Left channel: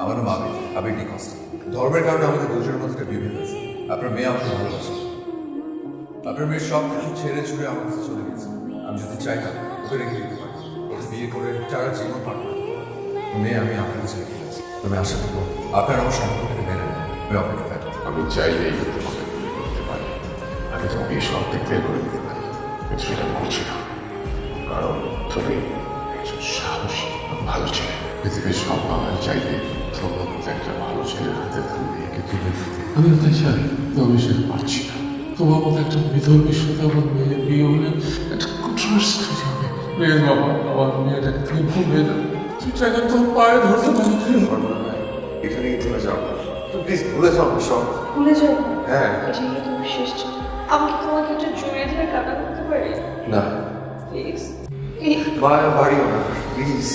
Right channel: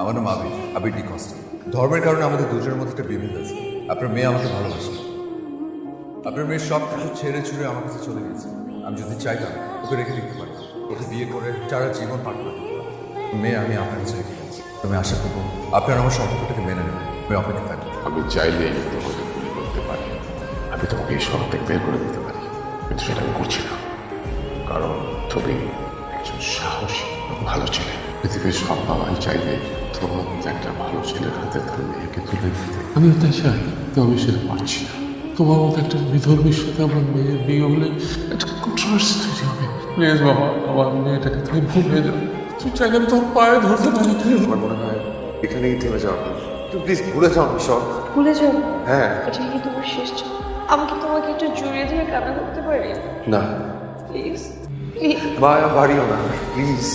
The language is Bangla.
আমার নাম আবির ডিকস্টা। ধর্মের কারণে আমাদের দুজনের মধ্যে একটা বিভেদ আছে। আপনার মেয়ে আমাকে ভালোবাসে, আপনার মেয়ে সব কিছু ছেড়ে ছুড়ে আমার কাছে চলে গেছে। আমি যদি চাইতাম ওকে রেখে দিতে পারতাম, ওকে বিয়ে করে সারা জীবন পার করে দিতে পারতাম। মেয়ে আমি আপনার কাছে রেখে গেছি। আমি আশা করবো আপনার আমার সম্পর্কটাকে মেনে নেবেন। আমি অপেক্ষা থাকবো। আমি চাইলেই তোমাকে বিয়ে করতে পারি, আমি তোমাকে এই শহর থেকে বের করে দিতে পারি, কিন্তু সেটা আমি করছি না। কারণ তুমি একজন সাহসী ভালো ছেলে। পৃথিবীর সব বাবাই চাইবে তোমার মতো একটা ভালো ছেলের হাতে তার মেয়েকে তুলে দিতে। আমিও তাই চাই, তো আমি সেটা পারছি না। তোমার মতো একটা বিধর্মীর সাথে আমার মেয়ের বিয়ে হলে একটা কন্ট্রোভার্সি তৈরি হবে। প্লিজ বাবা, আমার মেয়েটাকে তুমি ভুলে যাও। তুই চাইলে তোর পায়ে ধরতে পারি। আমার মনে হয় এখানেই থেমে যাওয়া ভালো। তুমি প্লিজ ভুলে যাও আমি সব। ভুলে যাও? হ্যাঁ। এটা কি তোমার শেষ ছিল? আমি কি তোমাকে একটু জড়িয়ে ধরে কান্না করতে পারি? না প্লিজ মায়া বাড়িও না প্লিজ।